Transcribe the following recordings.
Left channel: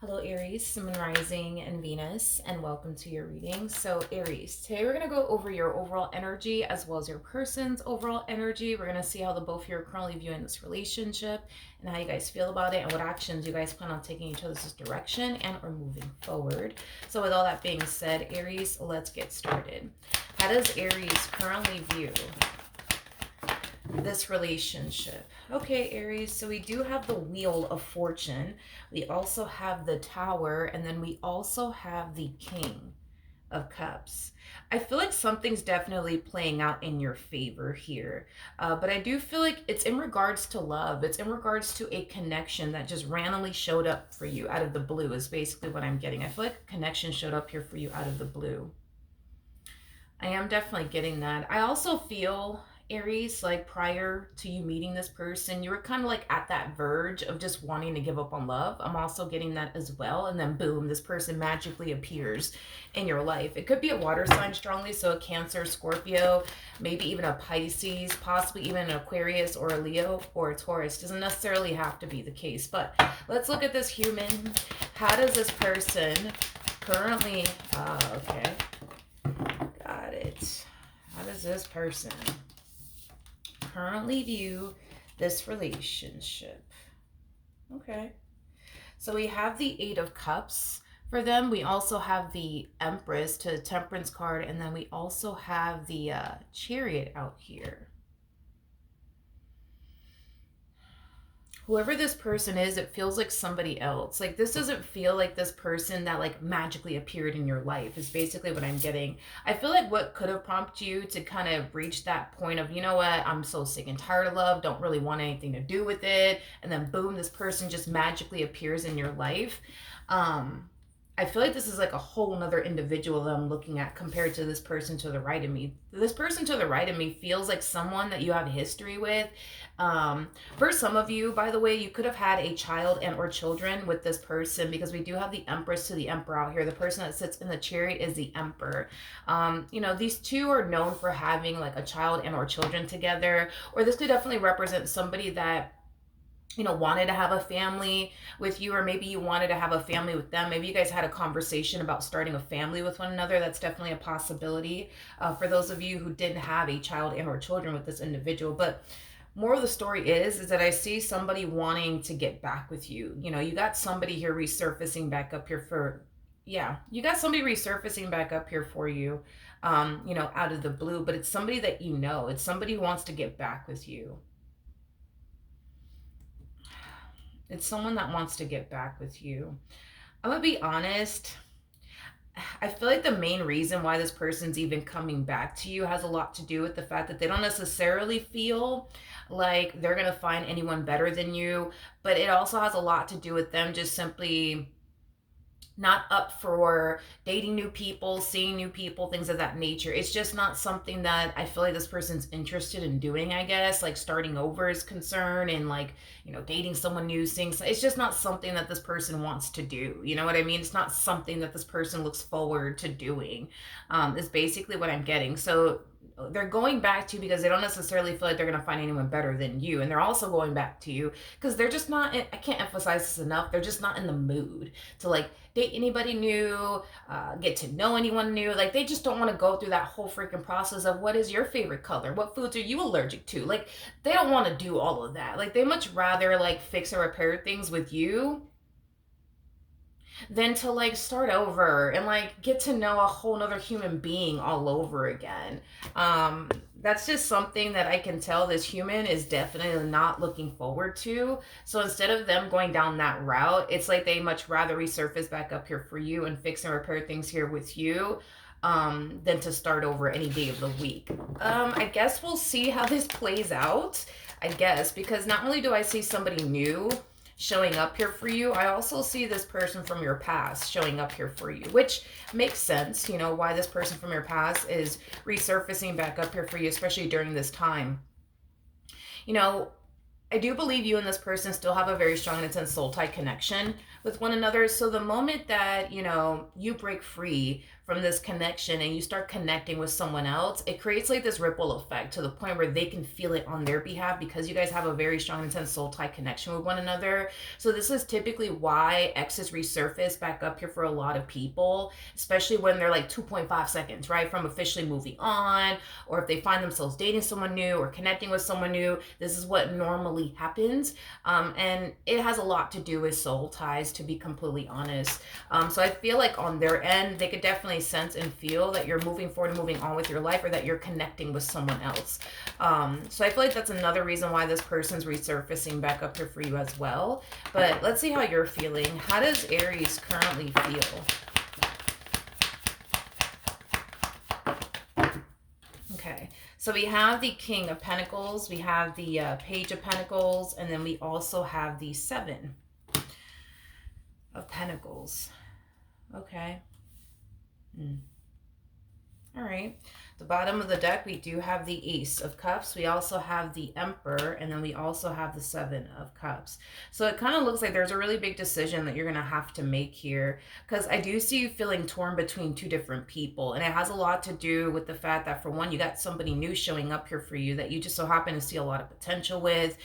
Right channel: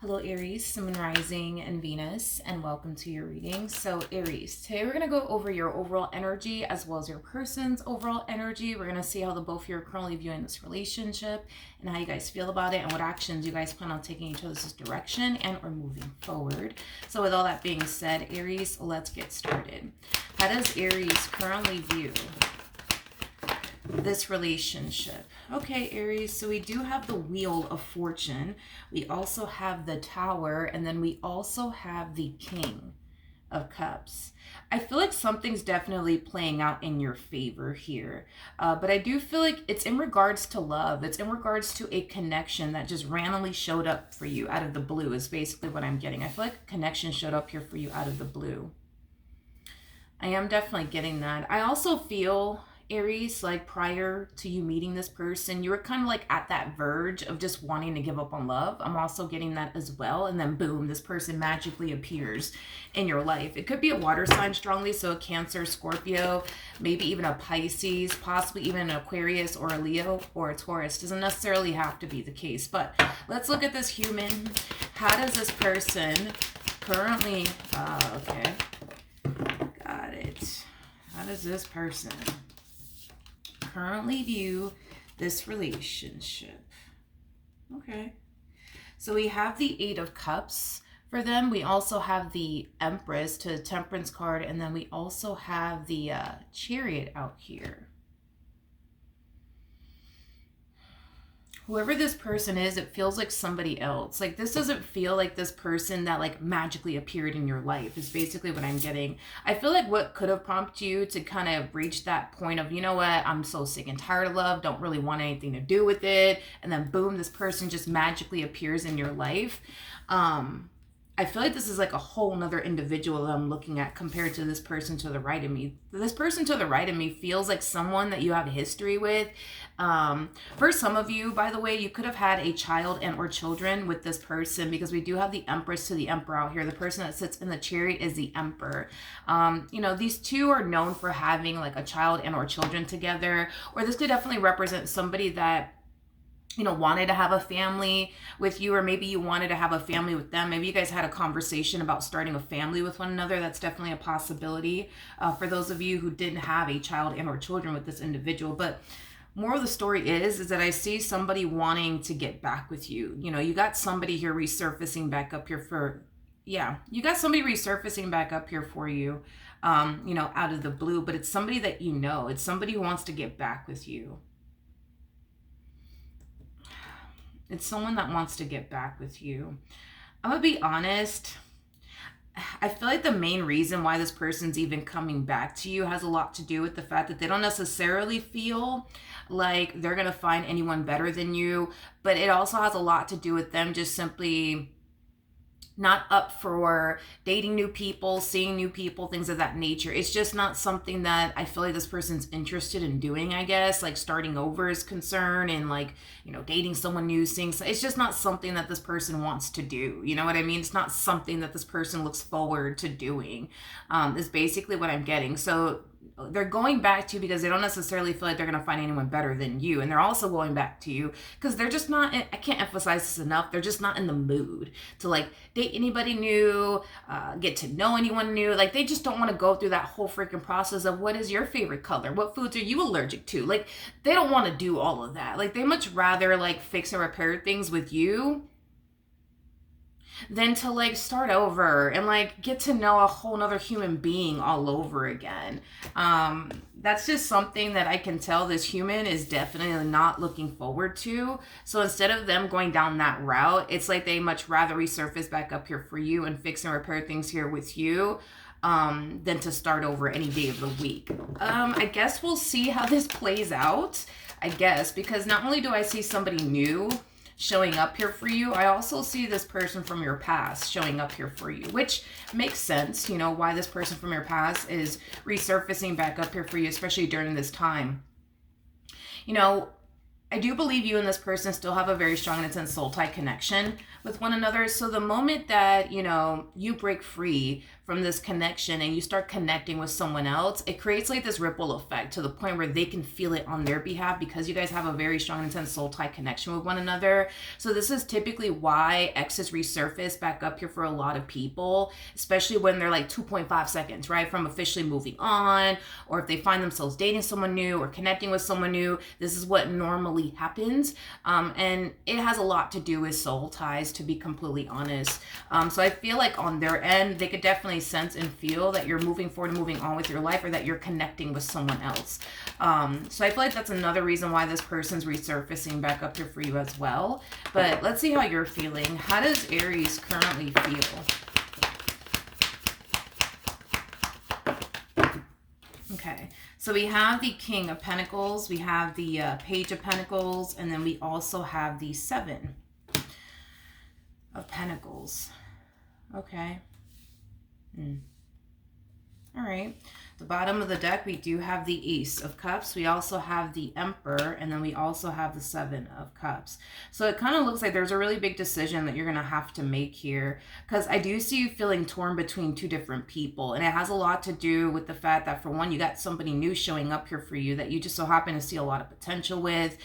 Hello, Aries, Sun, Rising, and Venus, and welcome to your reading. So, Aries, today we're going to go over your overall energy as well as your person's overall energy. We're going to see how the both of you are currently viewing this relationship and how you guys feel about it and what actions you guys plan on taking each other's direction and or moving forward. So, with all that being said, Aries, let's get started. How does Aries currently view this relationship? Okay, Aries, so we do have the Wheel of Fortune. We also have the Tower, and then we also have the King of Cups. I feel like something's definitely playing out in your favor here. But I do feel like it's in regards to love. It's in regards to a connection that just randomly showed up for you out of the blue is basically what I'm getting. I feel like a connection showed up here for you out of the blue. I am definitely getting that. I also feel, Aries, like prior to you meeting this person, you were kind of like at that verge of just wanting to give up on love. I'm also getting that as well. And then boom, this person magically appears in your life. It could be a water sign strongly, so a Cancer, Scorpio, maybe even a Pisces, possibly even an Aquarius or a Leo or a Taurus. Doesn't necessarily have to be the case. But let's look at this human. How does this person currently, okay. Got it. How does this person currently view this relationship? Okay. So we have the Eight of Cups for them. We also have the Empress to the Temperance card. And then we also have the Chariot out here. Whoever this person is, it feels like somebody else. Like this doesn't feel like this person that like magically appeared in your life is basically what I'm getting. I feel like what could have prompted you to kind of reach that point of, you know what, I'm so sick and tired of love, don't really want anything to do with it. And then boom, this person just magically appears in your life. I feel like this is like a whole nother individual that I'm looking at compared to this person to the right of me. This person to the right of me feels like someone that you have history with. For some of you, by the way, you could have had a child and or children with this person because we do have the Empress to the Emperor out here. The person that sits in the Chariot is the Emperor. These two are known for having like a child and or children together, or this could definitely represent somebody that wanted to have a family with you, or maybe you wanted to have a family with them. Maybe you guys had a conversation about starting a family with one another. That's definitely a possibility for those of you who didn't have a child and or children with this individual. But more of the story is that I see somebody wanting to get back with you. You got somebody here resurfacing back up here for, yeah, you got somebody resurfacing back up here for you, out of the blue, but it's somebody that it's somebody who wants to get back with you. It's someone that wants to get back with you. I'm going to be honest. I feel like the main reason why this person's even coming back to you has a lot to do with the fact that they don't necessarily feel like they're going to find anyone better than you, but it also has a lot to do with them just simply not up for dating new people, seeing new people, things of that nature. It's just not something that I feel like this person's interested in doing, I guess. Like starting over is concerned and like, dating someone new, seeing. It's just not something that this person wants to do. You know what I mean? It's not something that this person looks forward to doing. Is basically what I'm getting. So they're going back to you because they don't necessarily feel like they're going to find anyone better than you. And they're also going back to you because they're just not, I can't emphasize this enough, they're just not in the mood to like date anybody new, get to know anyone new. Like they just don't want to go through that whole freaking process of what is your favorite color, what foods are you allergic to. Like they don't want to do all of that. Like they much rather like fix and repair things with you than to like start over and like get to know a whole nother human being all over again. That's just something that I can tell this human is definitely not looking forward to. So instead of them going down that route, it's like they much rather resurface back up here for you and fix and repair things here with you, than to start over any day of the week. I guess we'll see how this plays out, I guess, because not only do I see somebody new showing up here for you, I also see this person from your past showing up here for you, which makes sense, why this person from your past is resurfacing back up here for you, especially during this time. I do believe you and this person still have a very strong and intense soul tie connection with one another. So the moment that, you break free from this connection and you start connecting with someone else, it creates like this ripple effect to the point where they can feel it on their behalf because you guys have a very strong, intense soul tie connection with one another. So this is typically why exes resurface back up here for a lot of people, especially when they're like 2.5 seconds, right, from officially moving on, or if they find themselves dating someone new or connecting with someone new. This is what normally happens. And it has a lot to do with soul ties, to be completely honest. So I feel like on their end, they could definitely sense and feel that you're moving forward and moving on with your life, or that you're connecting with someone else. So I feel like that's another reason why this person's resurfacing back up here for you as well. But let's see how you're feeling. How does Aries currently feel? Okay, so we have the King of Pentacles, we have the Page of Pentacles, and then we also have the Seven of Pentacles. Okay. All right. The bottom of the deck, we do have the Ace of Cups. We also have the Emperor, and then we also have the Seven of Cups. So it kind of looks like there's a really big decision that you're going to have to make here, because I do see you feeling torn between two different people. And it has a lot to do with the fact that, for one, you got somebody new showing up here for you that you just so happen to see a lot of potential with.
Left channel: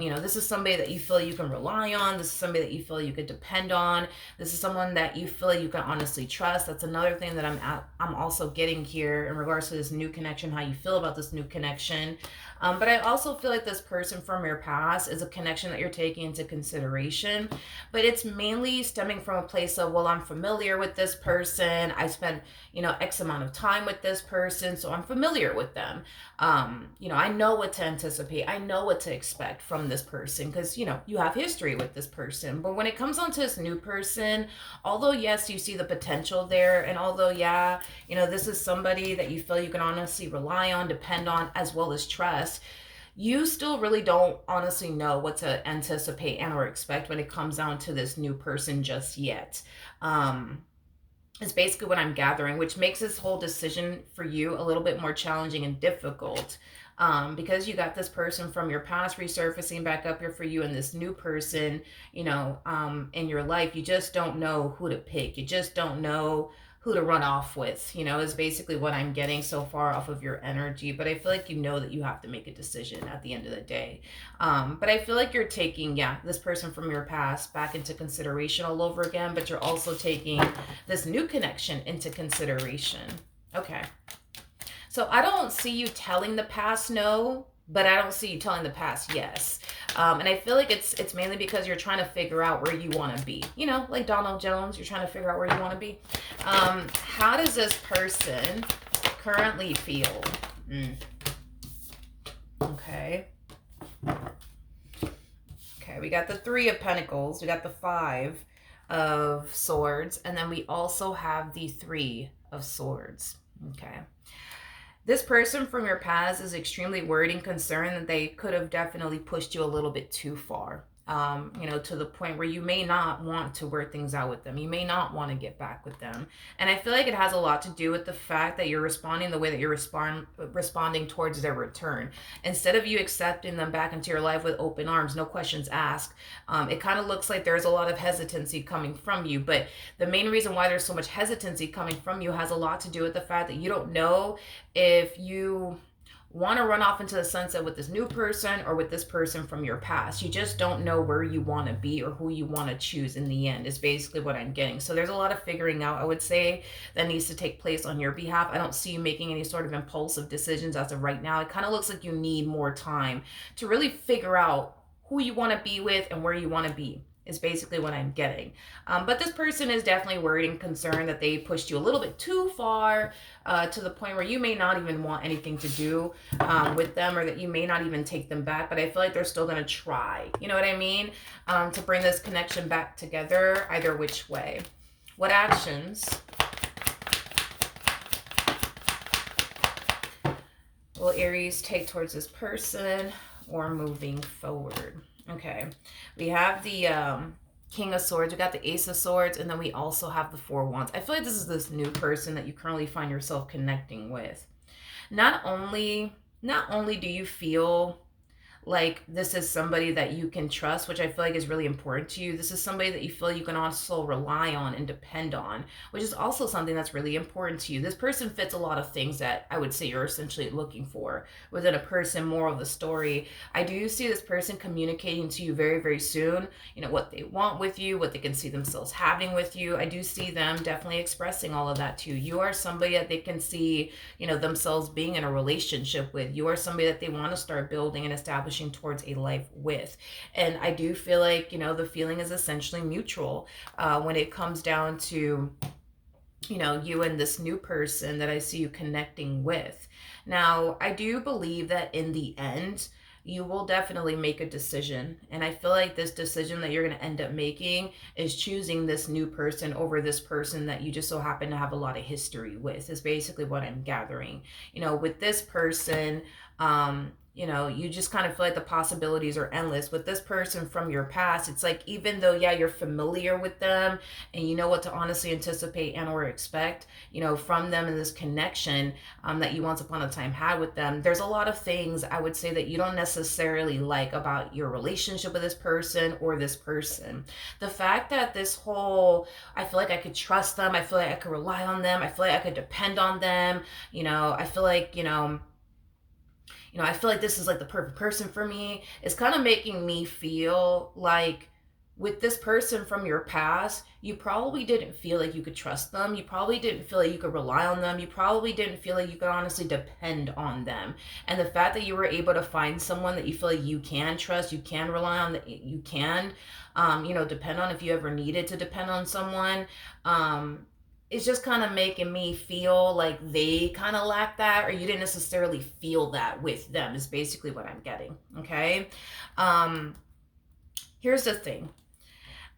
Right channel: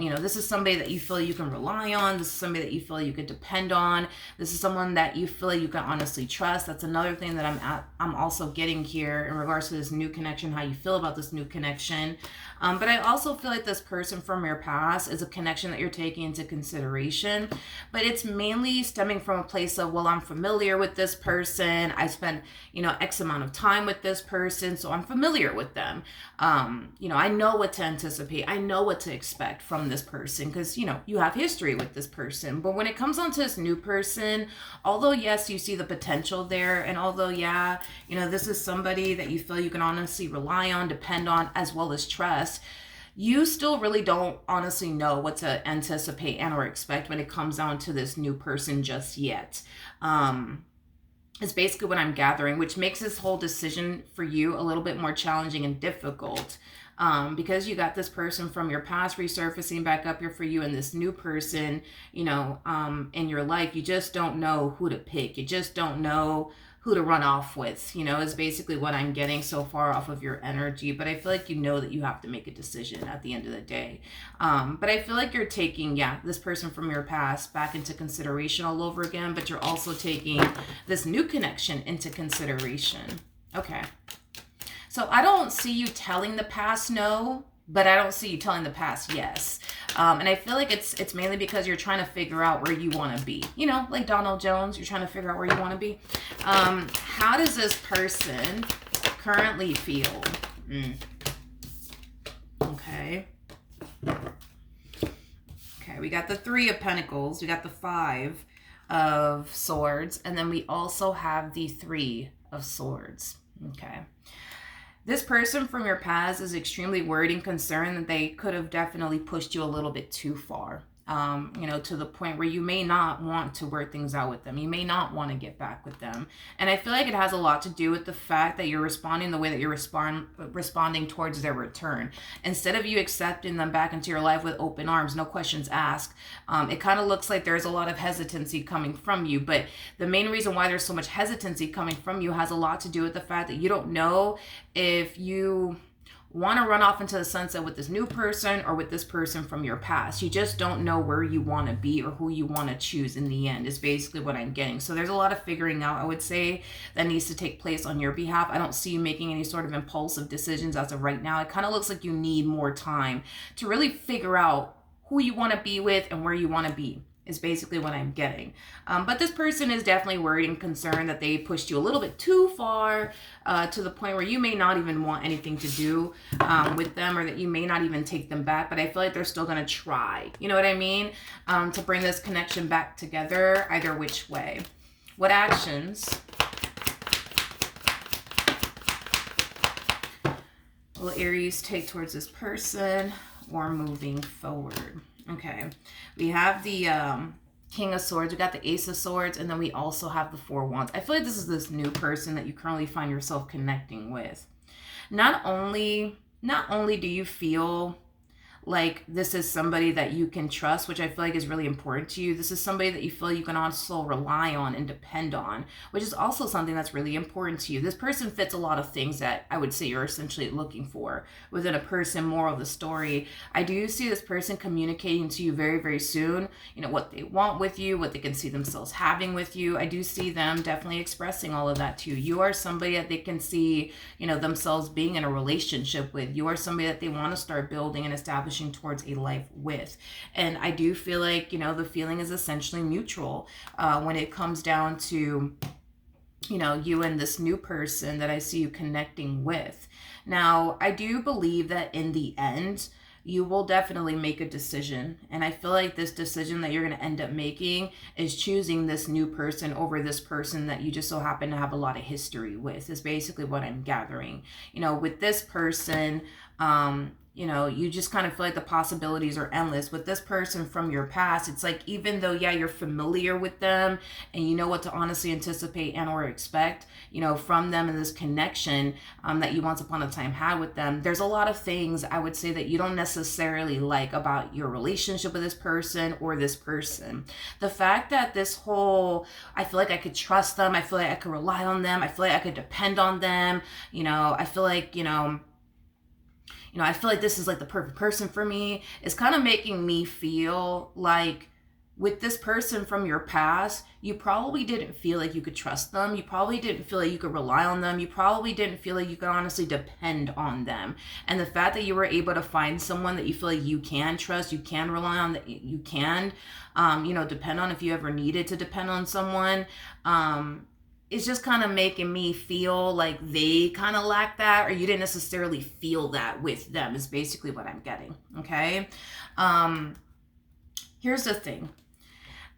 You know, this is somebody that you feel you can rely on. This is somebody that you feel you could depend on. This is someone that you feel like you can honestly trust. That's another thing that I'm also getting here in regards to this new connection, how you feel about this new connection. But I also feel like this person from your past is a connection that you're taking into consideration, but it's mainly stemming from a place of, well, I'm familiar with this person. I spent, you know, X amount of time with this person, so I'm familiar with them. You know, I know what to anticipate. I know what to expect from this person because, you know, you have history with this person. But when it comes on to this new person, although, yes, you see the potential there, and although, yeah, you know, this is somebody that you feel you can honestly rely on, depend on, as well as trust, you still really don't honestly know what to anticipate and or expect when it comes down to this new person just yet. Is basically what I'm gathering, which makes this whole decision for you a little bit more challenging and difficult. Because you got this person from your past resurfacing back up here for you, and this new person, you know, in your life, you just don't know who to pick. You just don't know who to run off with, you know, is basically what I'm getting so far off of your energy. But I feel like you know that you have to make a decision at the end of the day. But I feel like you're taking, yeah, this person from your past back into consideration all over again, but you're also taking this new connection into consideration. Okay. So I don't see you telling the past no, but I don't see you telling the past yes. And I feel like it's mainly because you're trying to figure out where you want to be. You know, like Donald Jones, you're trying to figure out where you want to be. How does this person currently feel? Okay. Okay, we got the Three of Pentacles. We got the Five of Swords. And then we also have the Three of Swords. Okay. This person from your past is extremely worried and concerned that they could have definitely pushed you a little bit too far. You know, to the point where you may not want to work things out with them. You may not want to get back with them. And I feel like it has a lot to do with the fact that you're responding the way that you're responding towards their return. Instead of you accepting them back into your life with open arms, no questions asked, it kind of looks like there's a lot of hesitancy coming from you. But the main reason why there's so much hesitancy coming from you has a lot to do with the fact that you don't know if you want to run off into the sunset with this new person or with this person from your past. You just don't know where you want to be or who you want to choose in the end, is basically what I'm getting. So there's a lot of figuring out, I would say, that needs to take place on your behalf. I don't see you making any sort of impulsive decisions as of right now. It kind of looks like you need more time to really figure out who you want to be with and where you want to be, is basically what I'm getting. But this person is definitely worried and concerned that they pushed you a little bit too far, to the point where you may not even want anything to do with them, or that you may not even take them back. But I feel like they're still going to try, you know what I mean, to bring this connection back together, either which way. What actions will Aries take towards this person or moving forward? Okay, we have the King of Swords, we got the Ace of Swords, and then we also have the Four of Wands. I feel like this is this new person that you currently find yourself connecting with. Not only do you feel like this is somebody that you can trust, which I feel like is really important to you. This is somebody that you feel you can also rely on and depend on, which is also something that's really important to you. This person fits a lot of things that I would say you're essentially looking for within a person. More of the story, I do see this person communicating to you very, very soon, you know, what they want with you, what they can see themselves having with you. I do see them definitely expressing all of that to you. You are somebody that they can see, you know, themselves being in a relationship with. You are somebody that they want to start building and establishing towards a life with. And I do feel like, you know, the feeling is essentially mutual when it comes down to, you know, you and this new person that I see you connecting with. Now, I do believe that in the end, you will definitely make a decision. And I feel like this decision that you're going to end up making is choosing this new person over this person that you just so happen to have a lot of history with, is basically what I'm gathering. You know, with this person, you know, you just kind of feel like the possibilities are endless. With this person from your past, it's like, even though, yeah, you're familiar with them and you know what to honestly anticipate and or expect, you know, from them in this connection that you once upon a time had with them, there's a lot of things I would say that you don't necessarily like about your relationship with this person or this person. The fact that this whole, I feel like I could trust them, I feel like I could rely on them, I feel like I could depend on them, you know, I feel like, I feel like this is like the perfect person for me. It's kind of making me feel like with this person from your past, you probably didn't feel like you could trust them. You probably didn't feel like you could rely on them. You probably didn't feel like you could honestly depend on them. And the fact that you were able to find someone that you feel like you can trust, you can rely on, that you can, depend on if you ever needed to depend on someone. It's just kind of making me feel like they kind of lack that, or you didn't necessarily feel that with them, is basically what I'm getting. Okay. um Here's the thing.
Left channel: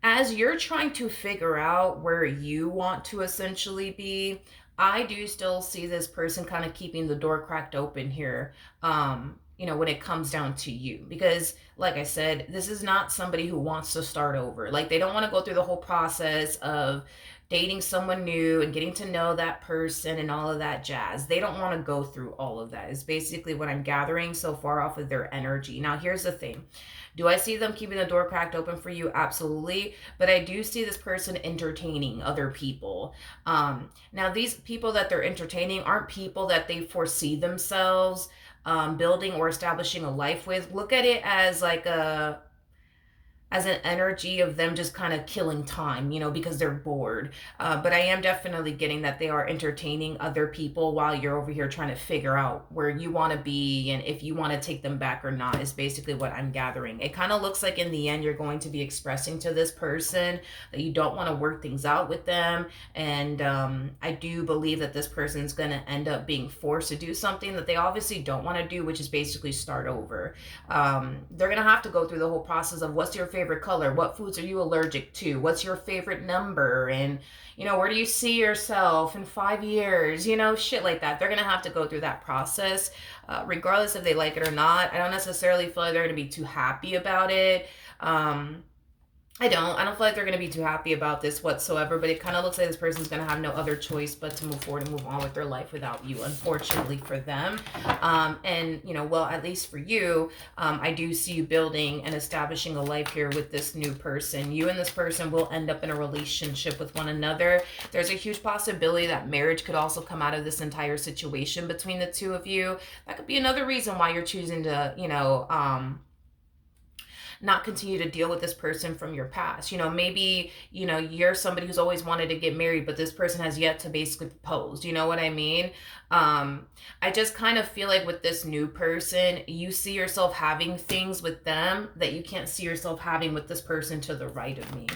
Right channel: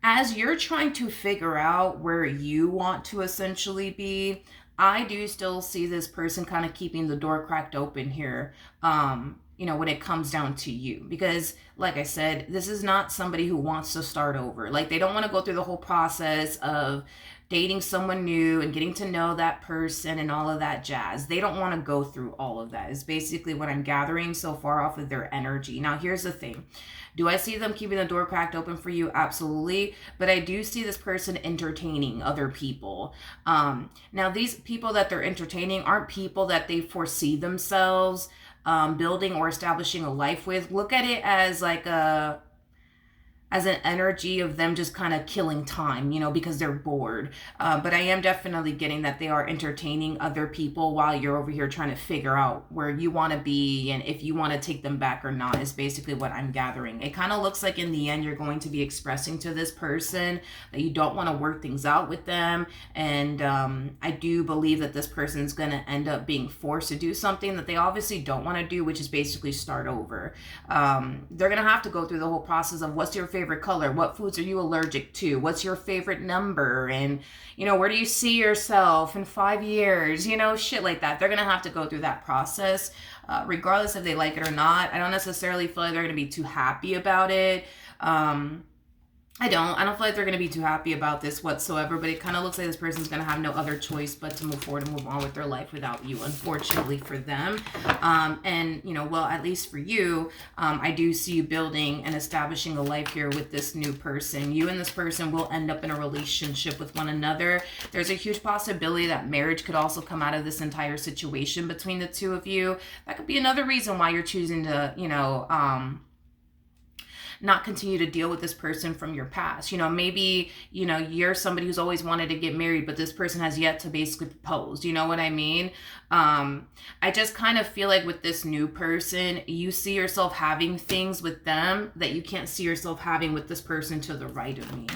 As you're trying to figure out where you want to essentially be, I do still see this person kind of keeping the door cracked open here. When it comes down to you, because like I said, this is not somebody who wants to start over. Like, they don't want to go through the whole process of dating someone new and getting to know that person and all of that jazz. They don't want to go through all of that, is basically what I'm gathering so far off of their energy. Now, here's the thing. Do I see them keeping the door cracked open for you? Absolutely. But I do see this person entertaining other people. Now, these people that they're entertaining aren't people that they foresee themselves building or establishing a life with. Look at it as like as an energy of them just kind of killing time, because they're bored. But I am definitely getting that they are entertaining other people while you're over here trying to figure out where you want to be and if you want to take them back or not, is basically what I'm gathering. It kind of looks like in the end you're going to be expressing to this person that you don't want to work things out with them. And I do believe that this person's going to end up being forced to do something that they obviously don't want to do, which is basically start over. They're going to have to go through the whole process of what's your favorite color, what foods are you allergic to, what's your favorite number, and where do you see yourself in 5 years, shit like that. They're going to have to go through that process, regardless if they like it or not. I don't necessarily feel like they're going to be too happy about it. I don't feel like they're going to be too happy about this whatsoever, but it kind of looks like this person's going to have no other choice but to move forward and move on with their life without you, unfortunately for them. At least for you, I do see you building and establishing a life here with this new person. You and this person will end up in a relationship with one another. There's a huge possibility that marriage could also come out of this entire situation between the two of you. That could be another reason why you're choosing to, not continue to deal with this person from your past. Maybe, you're somebody who's always wanted to get married, but this person has yet to basically propose. You know what I mean? I just kind of feel like with this new person, you see yourself having things with them that you can't see yourself having with this person to the right of me.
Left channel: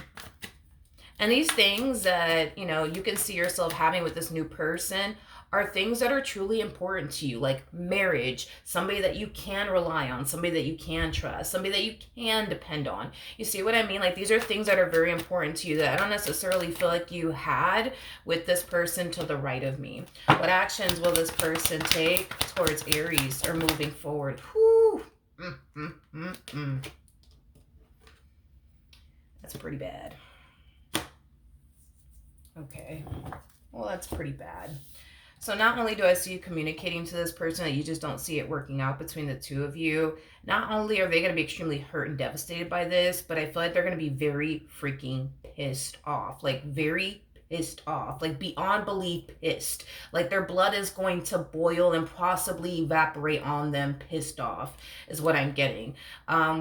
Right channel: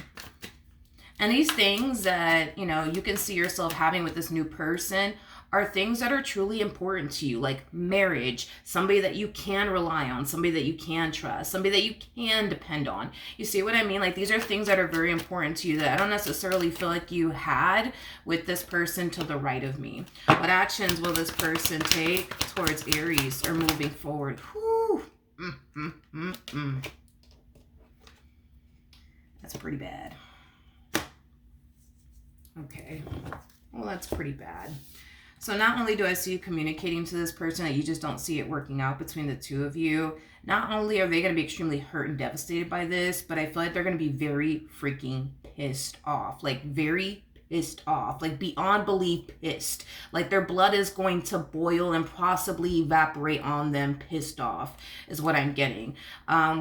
And these things that, you can see yourself having with this new person are things that are truly important to you, like marriage, somebody that you can rely on, somebody that you can trust, somebody that you can depend on. You see what I mean? Like, these are things that are very important to you that I don't necessarily feel like you had with this person to the right of me. What actions will this person take towards Aries or moving forward? Whew. That's pretty bad. Okay. Well, that's pretty bad. So not only do I see you communicating to this person that you just don't see it working out between the two of you, not only are they going to be extremely hurt and devastated by this, but I feel like they're going to be very freaking pissed off. Like very pissed off. Like beyond belief pissed. Like their blood is going to boil and possibly evaporate on them pissed off is what I'm getting.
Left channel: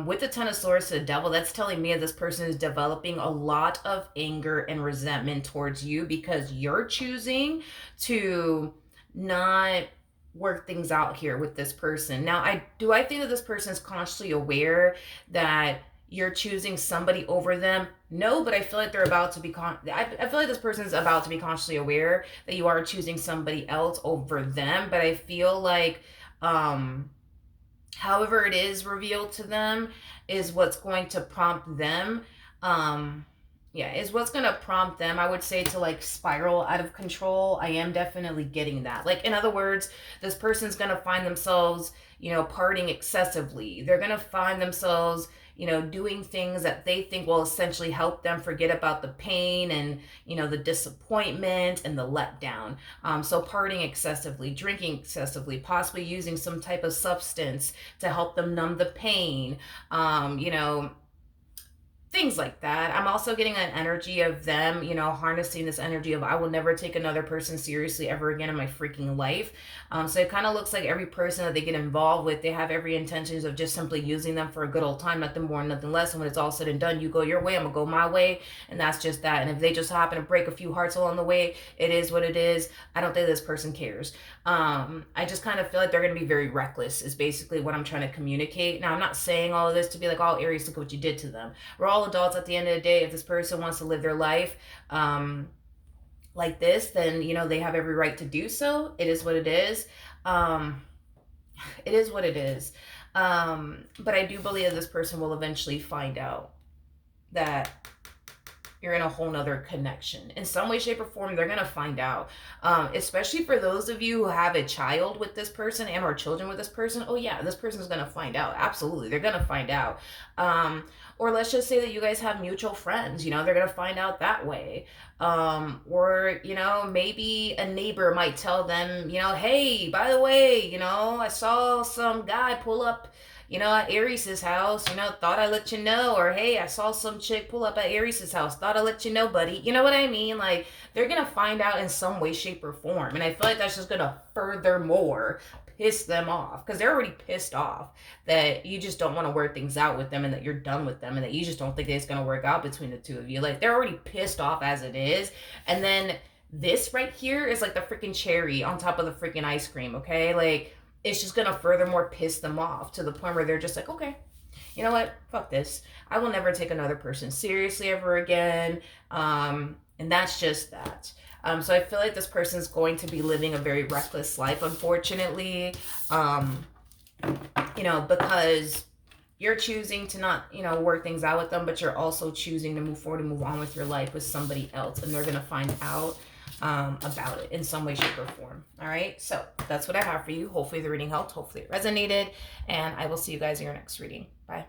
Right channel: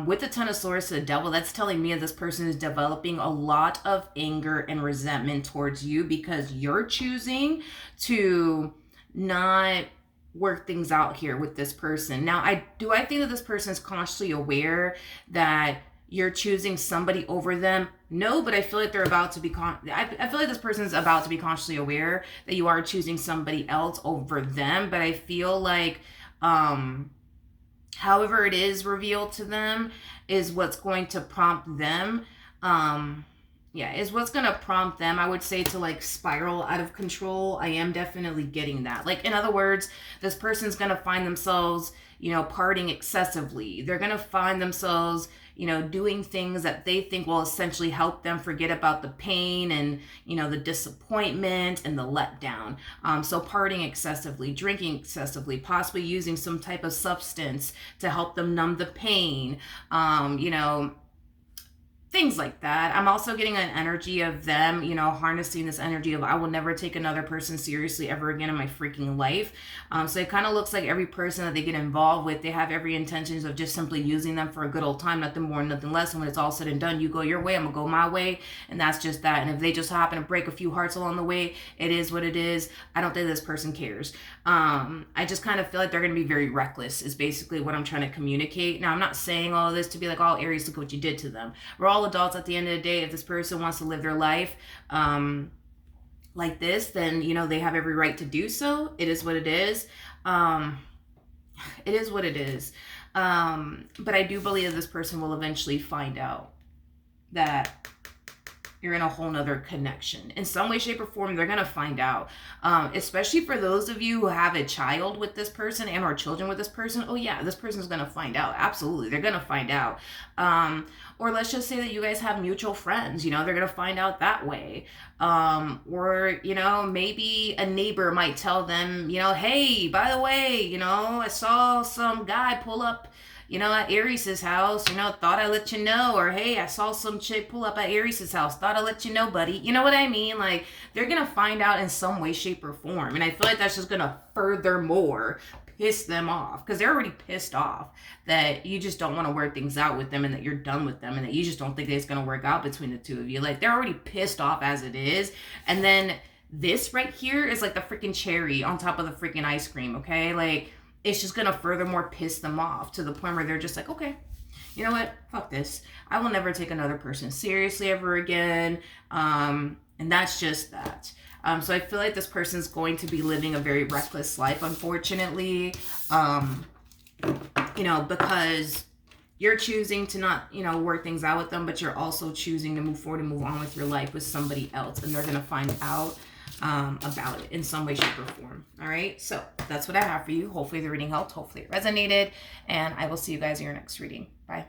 With the Ten of Swords to the Devil, that's telling me that this person is developing a lot of anger and resentment towards you because you're choosing to not work things out here with this person. Now, I think that this person is consciously aware that you're choosing somebody over them? No, but I feel like they're about to be I feel like this person's about to be consciously aware that you are choosing somebody else over them, but I feel like however it is revealed to them is what's going to prompt them is what's gonna prompt them, I would say, to like spiral out of control. I am definitely getting that. Like, in other words, this person's gonna find themselves, partying excessively. They're gonna find themselves, doing things that they think will essentially help them forget about the pain and, the disappointment and the letdown. So partying excessively, drinking excessively, possibly using some type of substance to help them numb the pain, things like that. I'm also getting an energy of them, harnessing this energy of I will never take another person seriously ever again in my freaking life. So it kind of looks like every person that they get involved with, they have every intentions of just simply using them for a good old time, nothing more, nothing less. And when it's all said and done, you go your way, I'm gonna go my way, and that's just that. And if they just happen to break a few hearts along the way, it is what it is. I don't think this person cares. I just kind of feel like they're going to be very reckless is basically what I'm trying to communicate. Now, I'm not saying all of this to be like, all Aries, look at what you did to them. We're all adults at the end of the day. If this person wants to live their life like this, then, they have every right to do so. It is what it is. It is what it is. But I do believe that this person will eventually find out that you're in a whole nother connection. In some way, shape, or form, they're going to find out. Especially for those of you who have a child with this person and or children with this person. Oh, yeah, this person's going to find out. Absolutely. They're going to find out. Or let's just say that you guys have mutual friends. They're going to find out that way. Or, maybe a neighbor might tell them, hey, by the way, I saw some guy pull up at Aries' house, thought I'd let you know. Or, hey, I saw some chick pull up at Aries' house, thought I'd let you know, buddy. You know what I mean? Like, they're going to find out in some way, shape, or form. And I feel like that's just going to furthermore piss them off. Because they're already pissed off that you just don't want to work things out with them and that you're done with them and that you just don't think it's going to work out between the two of you. Like, they're already pissed off as it is. And then this right here is like the freaking cherry on top of the freaking ice cream, okay? Like, it's just going to furthermore piss them off to the point where they're just like, okay, you know what? Fuck this. I will never take another person seriously ever again. And that's just that. So I feel like this person's going to be living a very reckless life, unfortunately. Because you're choosing to not, work things out with them, but you're also choosing to move forward and move on with your life with somebody else. And they're going to find out about it in some way, shape, or form. All right, so that's what I have for you. Hopefully the reading helped. Hopefully it resonated, and I will see you guys in your next reading. Bye.